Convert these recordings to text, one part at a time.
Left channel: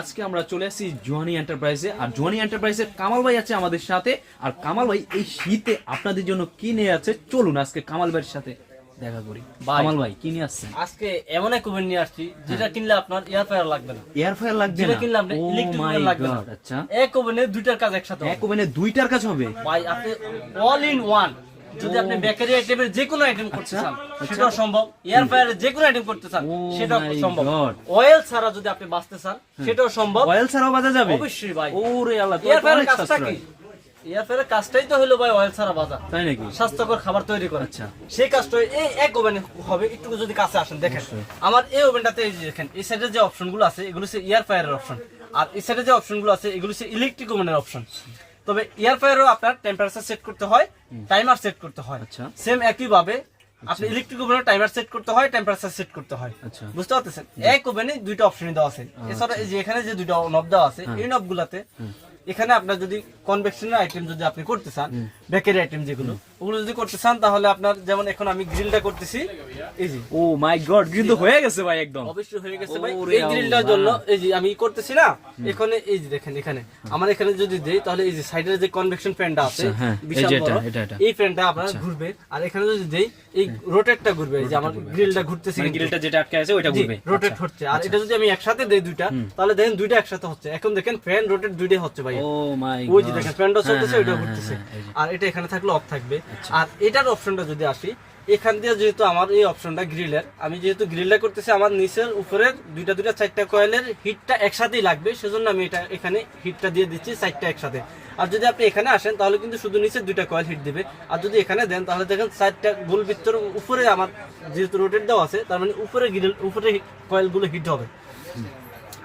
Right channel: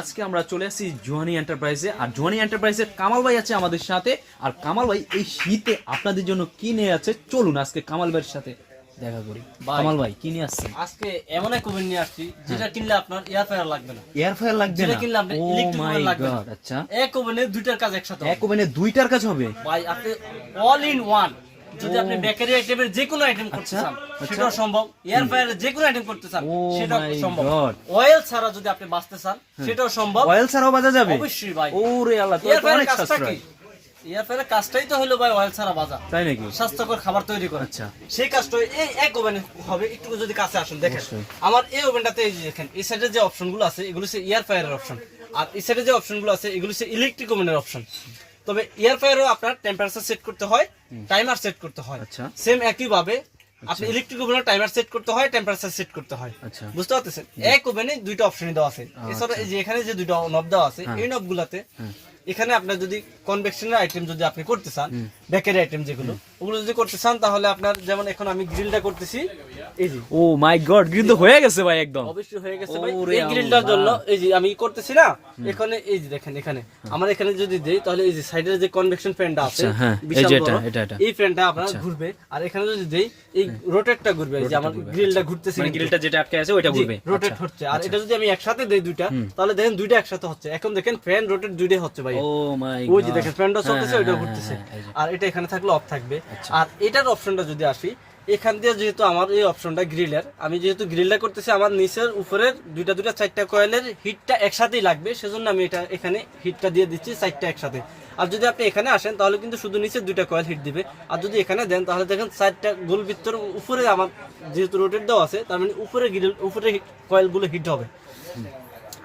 আজকে আমরা চলে আসছি জোহানি এন্টারপ্রাইজে। আর জোহানি এন্টারপ্রাইজে কামাল ভাই আছে আমাদের সাথে। আর কামাল ভাই এই শীতে আপনাদের জন্য কি নিয়ে আছে, চলুন আজকে কামাল ভাইয়ের সাথে দেখা করি। কামাল ভাই কি নিয়ে আসছেন? আজকে এমন এক ওভেন নিয়ে আসছি যেটা কিনলে আপনার এয়ার ফ্রায়ার লাগবে না। এয়ার ফ্রায়ার লাগবে যেটা না, কিনলে আপনার ইলেকট্রিক ওভেন লাগবে না। আচ্ছা, এক ওভেনে দুইটার কাজ একসাথে হবে। এক ওভেনে দুইটার কাজ হবে ভাই আপনি অল ইন ওয়ান যদি আপনি বেকারি আইটেমের যে কোনো আইটেম করতে চান সেটাও সম্ভব, এয়ার ফ্রায়ারের যে কোনো আইটেম করতে চান সেটাও সম্ভব, অয়েল ছাড়া যদি আপনি বাঁচতে চান সেটাও সম্ভব। অয়েল ছাড়াও বাজা যাবে? অবশ্যই ভাই। ওরে আল্লাহ, এয়ার ফ্রায়ারের কাজটা কি? এয়ার ফ্রায়ারের কাজটাই তো হলো ভাই অয়েল ছাড়া বাজা, তাই নাকি? স্বাস্থ্যকর খাবার তৈরি করে। আচ্ছা, সেই কাজটা এই এক ওভেনে হবে। একটু যদি কাছে আসেন দেখেন আমার এই ওভেনটাতে, এই যে দেখেন এই সাইডে যে অপশনগুলো আছে এগুলো হচ্ছে এয়ার ফ্রায়ারের অপশন, আর এই সাইডে যে অপশনগুলো আছে এগুলো হচ্ছে ইলেকট্রিক ওভেনের অপশন। তবে এয়ার ফ্রায়ারও আপনার টেম্পারেচার সেট করতে হয়, টাইমার সেট করতে হয়। আচ্ছা, সেম একই ভাবে আপনি ইলেকট্রিক ওভেনের টাইমার সেট করতে হয়, টেম্পারেচার সেট করতে হয়। আচ্ছা, বুঝতে পারতেছেন? এক ওভেনে দুইটা অপশন দেওয়া আছে। এছাড়া এই যে এখানে যে দুইটা নব দেওয়া আছে এই নবগুলাতে এখানে আপনার যদি কনভেকশনের আইটেম যদি আপনি করতে চান, বেকারি আইটেম যেগুলো ওগুলো যদি করতে চান তাহলে আপনার, যেমন এখন আমি গ্রিলটা করতেছি, এই যে ও মাই গড, গ্রিল তো হয়ে গেছে ভাই, একদম অবশ্যই হয়ে গেছে ভাই। এই গ্রিলটার জন্য এই যে আমি করতেছি না, এখানে এই যে দেখেন এখানে আমার এখানে যদি দেই তাহলে এই যে সাইডের যে কনভেকশন ফ্যানটা আছে বিশাল বড়, এই ফ্যানটা আপনার ঘুরবে। আর এখানে যদি দেই এই রোটেটটা ঘুরবে, এই যে আমার গ্রিলটা ঘুরতেছে, মানে গ্রিলটা যেটা আটকে আছে ওটা ঘুরবে, রোটেট হচ্ছে। আর এটা যদি আমি একসাথে দেই দুইটা তাহলে দেখেন দুইটা একসাথে হচ্ছে। এখন দেখেন ফ্যান রোটেট দুইটাই হচ্ছে ভাই। ও মাই ওই যে দেখেন ফ্যানটা চলতেছে, ওইটা ঘুরতেছে। আর এটা এখানে থাকলে অফ থাকবে। আর এটার অপশনটা যদি আসি, এখান দিয়ে যেহেতু আমার এই অপশনটা গ্রিলের, আমি যেহেতু গ্রিলটা করতেছি আমার নিচের উপরের দুইটা চারটা কয়েলের হিটটা একসাথেই লাগবে, সেজন্য আমি এটা এখানে হিটটা দিয়ে দিচ্ছি চারটা একসাথে। আর যদি আপনি এখানে আসেন তাহলে কিন্তু শুধু নিচের দুইটা কয়েল হিট দিবে। আর যদি এখানে দেন তাহলে দেখেন চারটা গোল ভিতর উপরে আমার যেহেতু রোটেট দেওয়া আছে তার মানে উপরে গ্রিল উপরে কয়েলগুলো হিট হবে।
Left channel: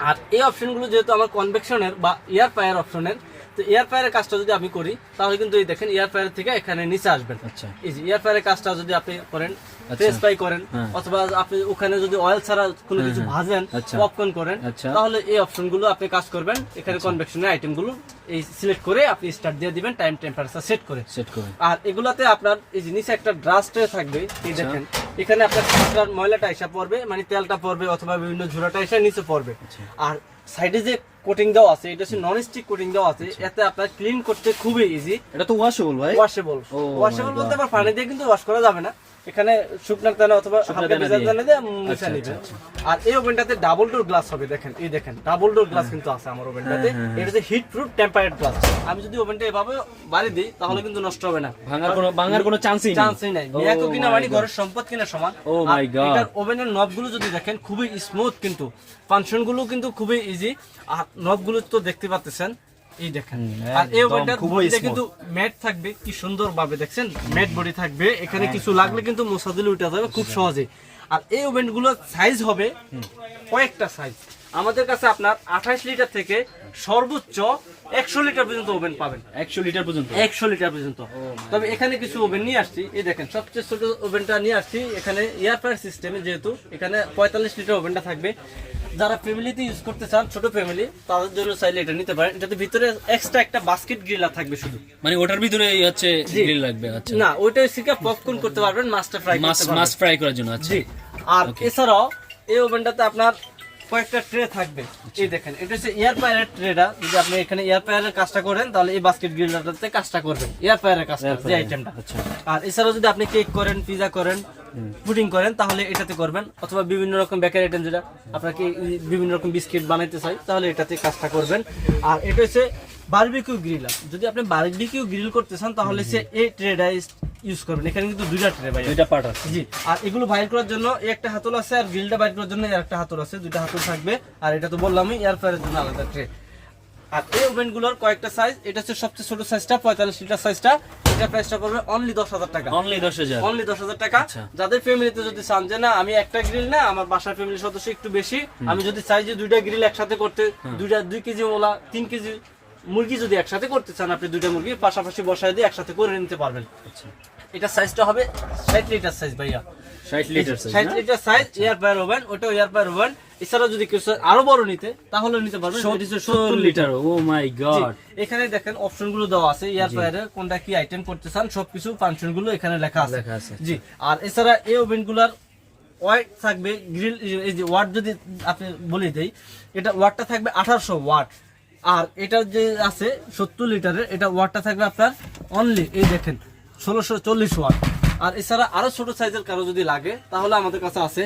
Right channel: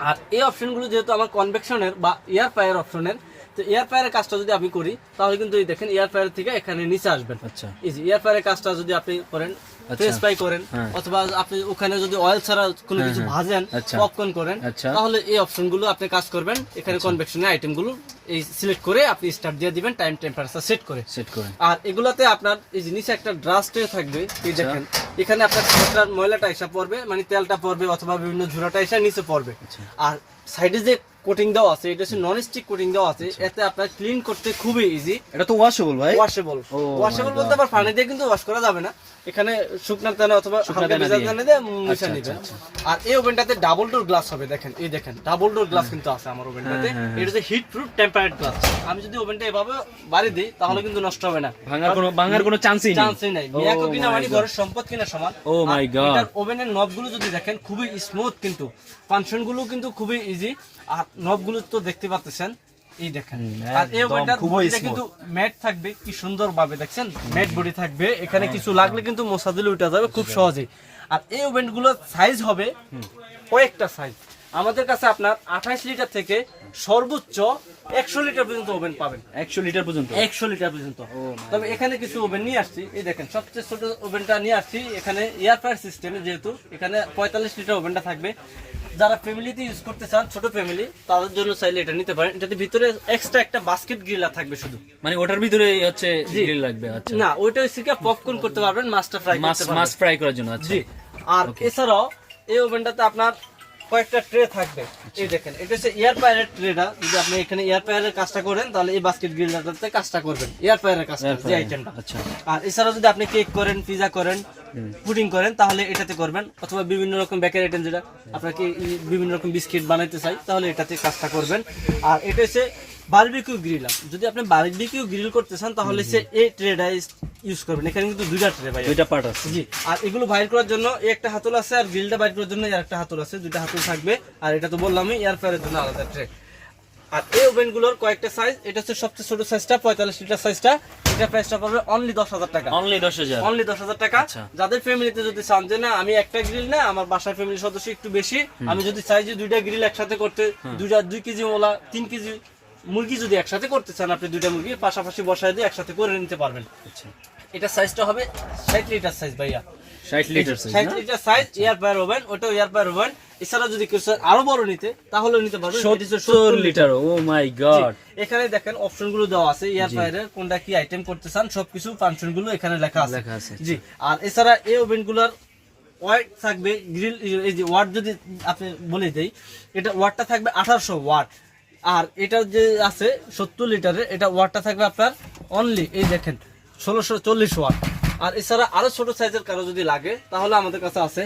আর এই অপশনগুলো যেহেতু আমার কনভেকশনের বা এয়ার ফ্রায়ার অপশনের, তো এয়ার ফ্রায়ারের কাজটা যদি আপনি করি তাহলে কিন্তু এই দেখেন এয়ার ফ্রায়ার থেকে এখানে নিচে আসবেন। আচ্ছা, এই যে এয়ার ফ্রায়ারের কাজটা যদি আপনি করেন, ফ্রেঞ্চ ফ্রাই করেন, অথবা আপনি ওখানে যদি অয়েল ছাড়া কোনো কিছু ভাজেন, পপকর্ন করেন, তাহলে এই অপশনগুলো আপনি কাজ করবেন। এখানে কনভেকশনের আইটেমগুলো এই সিলেক্ট করে আপনি স্টার্ট দিয়ে দিবেন, টাইম টেম্পারেচার সেট করে। আর এগুলাতে আপনার এই যে নিচে একটা ড্রাস্ট থাকবে, এই দেখেন এখানে আপনার খাবারের ময়লাটা এসে পড়বে, মানে তেলটা পড়বে অথবা বিভিন্ন ঝুরাটা এসে নিচে পড়বে। আর সাইডে যে কোটিং দেওয়া আছে এটা হচ্ছে নন স্টিক কোটিং দেওয়া আছে, এতে আপনার ক্লিন করতে খুবই ইজি। এটা তো ওয়াশেবল ভাই? ওয়াশেবল বলতে আবার পানি দিয়ে কিন্তু ওয়াশ করা যাবে না, এখানে শুকনার দানা অথবা হালকা ভেজাল দানা দিয়ে মুছে নেবেন। আর এই ওভেনটাতে ডাবল ডোর গ্লাস হবে, দেখেন এই দেখেন ডাবল ডোর গ্লাস কিন্তু আছে আমার ওভেনটাতে। এটা হচ্ছে হিট প্রুফ টেম্পারেট গ্লাস। আমি যদি ওভেনটা এভাবে বাড়ি দিই তাহলে কিন্তু নষ্ট হবে না, ভাঙার কোনো চান্সই নাই। মিয়াকো কিনা মানে ঘরের সম্পদ কিনা সমান। ও মাই গড, এটার ওভেনের নবগুলো যদি দেখেন খুবই স্মুথ, কিন্তু ফাংশনগুলো কিন্তু খুবই ইজি। আর নবগুলো তো দেখতে পাচ্ছেন, এই দেখেন। আর এই ওভেনটার বডিতে কিন্তু ম্যাট থাকবে, কি সুন্দর ভাবে দেখছেন ম্যাট বডি থাকবে, এখানে কিছু লাগলে কিন্তু মোছা দিলে উঠে যাবে খুব সহজেই। আর এই ওভেনগুলোর সাইজ হবে কয়েকটা সাইজ। আমাদের কাছে আপনার 28 লিটার থেকে সর্বোচ্চ 100 লিটার পর্যন্ত ওভেন পাবেন। 100 লিটার পর্যন্ত? 100 লিটার পর্যন্ত। তবে এখানে কিছু ওভেন নিয়ে আসছি, এই দেখেন সবচেয়ে ছোট ওভেনটা নিয়ে আসছি। এখানে এয়ার ফ্রায়ার সিস্টেমে, যেহেতু এখানে 45 লিটার ওভেনটা থাকবে। যারা ফ্যামিলিতে ইউজ করতে চান, ছোট ফ্যামিলি, তাদের জন্য চাইলে এটা নিতে পারেন। এটাতে ভিতরে এক্সট্রা একটা বাস্কেট গ্রিলার থাকবে শুধু, মানে ওটার ভিতরে হচ্ছে গ্রিল লাগবে? আচ্ছা, না ওইটা হচ্ছে পপকর্ন করতে পারবেন, মাছটা ফ্রাই করতে পারবেন, মাছ ফ্রাই করার জন্য। আচ্ছা, আর এছাড়াও এই ওভেনটাতে আপনার কয়েকটা ট্রে থাকবে, এই দেখেন এটা হচ্ছে এয়ার ফ্রায়ারের ট্রেটা। যদি আপনি এখানে এয়ার ফ্রায়ারের কাজটা করেন তাহলে এই বাস্কেট গ্রিলারটাতে কাজটা করবেন, এয়ার ফ্রায়ারের কাজটা, যে আইটেমটা। আর এছাড়াও যদি আপনি কেক করেন, পিজা করেন, পুডিং করেন তাহলে এটাতে করবেন, অথবা বিভিন্ন রকম বেকারি আইটেম যেটা আপনাকে বিভিন্ন রকম বিস্কিট বানাইতে চাই তাহলে এটাতে কাজটা করবেন। আর এটা হচ্ছে বারবিকিউ গ্রিলার। যদি আপনি বারবিকিউ গ্রিল করতে চান তাহলে সে এই ট্রেটা ইউজ করবেন। এখানে কিন্তু দুইটা ট্রে ভাই, দুইটা পার্ট আছে। জি, আর এগুলো বাইর করার জন্য একটা হাতল আছে, আর গ্রিলটা বাইর করার জন্য একটা হাতল আছে, দুইটা হাতল থাকবে। আর এটা তো বললামই এয়ার ফ্রায়ারের জন্য আলাদা ট্রে। আর এই ওভেনগুলোর কয়েকটা সাইজ, এটা হচ্ছে সবচেয়ে ছোট সাইজটা 45 লিটার সাইজটা। এটা প্রাইসটা পড়বে অনলি 10,000 টাকা। অনলি 10,000 টাকা। যাদের ফ্যামিলিতে যদি চান যে না আমি একটা গ্রিল না, আমার বাসার ফ্যামিলির সদস্য একটু বেশি, আমি যদি চাই যে দুইটা গ্রিল একসাথে করতে, 2 কেজি ওলা 3 কেজি মুরগি যদি একসাথে করতে চান, আপনি দুইটা মুরগি পাশাপাশি বসায় দিয়ে একসাথে করে নিতে পারবেন। এটা সাইজটা হবে 60 লিটার সাইজ ভাইয়া, 60 litre size air fryer oven. ওটাও এয়ার ফ্রায়ার ওভেন। এছাড়াও যদি কেউ আরো বড় নিতে তাহলে নিতে পারবেন 70 লিটার। ও মাই গড, এখানে দেখেন অপশনগুলো দেওয়া আছে, এয়ার ফ্রায়ারের কোনটা কি আইটেম করতে চান সবকিছু ফাংশনগুলো এখানে লেখা আছে। জি, আর এছাড়া এই ওভেনগুলোর ওয়াট থাকবে গ্রিল, এই যে ওয়াট যদি আপনি বলে দেই, এটা ওয়াটটা থাকবে 1800 ওয়াট। আর এটা যে আছে 70 লিটারের, এটা ওয়াটটা থাকবে আপনার অনলি এই দেখেন 1640 ওয়াট। আর এছাড়া আরো ছোট সাইজের কারো যদি লাগে তাহলে আমাদের কাছে আছে।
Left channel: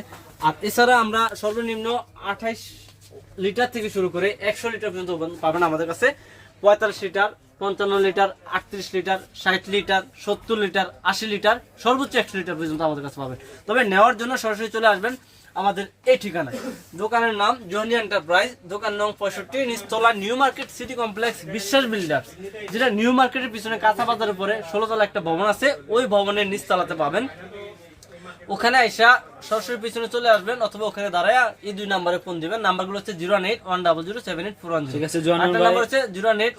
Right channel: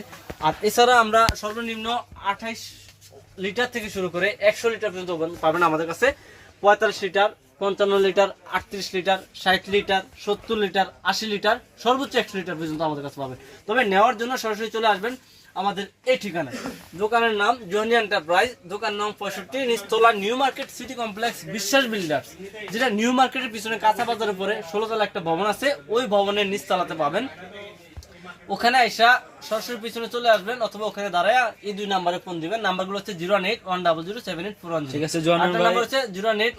আর এছাড়া আমরা সর্বনিম্ন 28 লিটার থেকে শুরু করে 100 লিটার পর্যন্ত পাবেন আমাদের কাছে। 45 litre, 55 litre, 38 litre, 60 litre, 70 litre, 80 litre, সর্বোচ্চ 100 লিটার পর্যন্ত আমাদের কাছে পাবেন। তবে নেওয়ার জন্য সরাসরি চলে আসবেন আমাদের এই ঠিকানায়। দোকানের নাম জনি এন্টারপ্রাইজ, দোকান নং 65, নিচতলা, নিউ মার্কেট সিটি কমপ্লেক্স, বিশ্বাস বিল্ডার্স, যেটা নিউ মার্কেটের পিছনে কাঁচা বাজারের পরে 16 তলা একটা ভবন আছে, ওই ভবনের নিচতলাতে পাবেন। ওখানে আইসা সরাসরি পিছনে চলে আসবেন, অথবা ওখানে দাঁড়ায় এই 2 নম্বরে ফোন দিবেন। নাম্বারগুলো হচ্ছে 08100078410। ঠিক আছে, জনি ভাই। নাম্বার হচ্ছে 081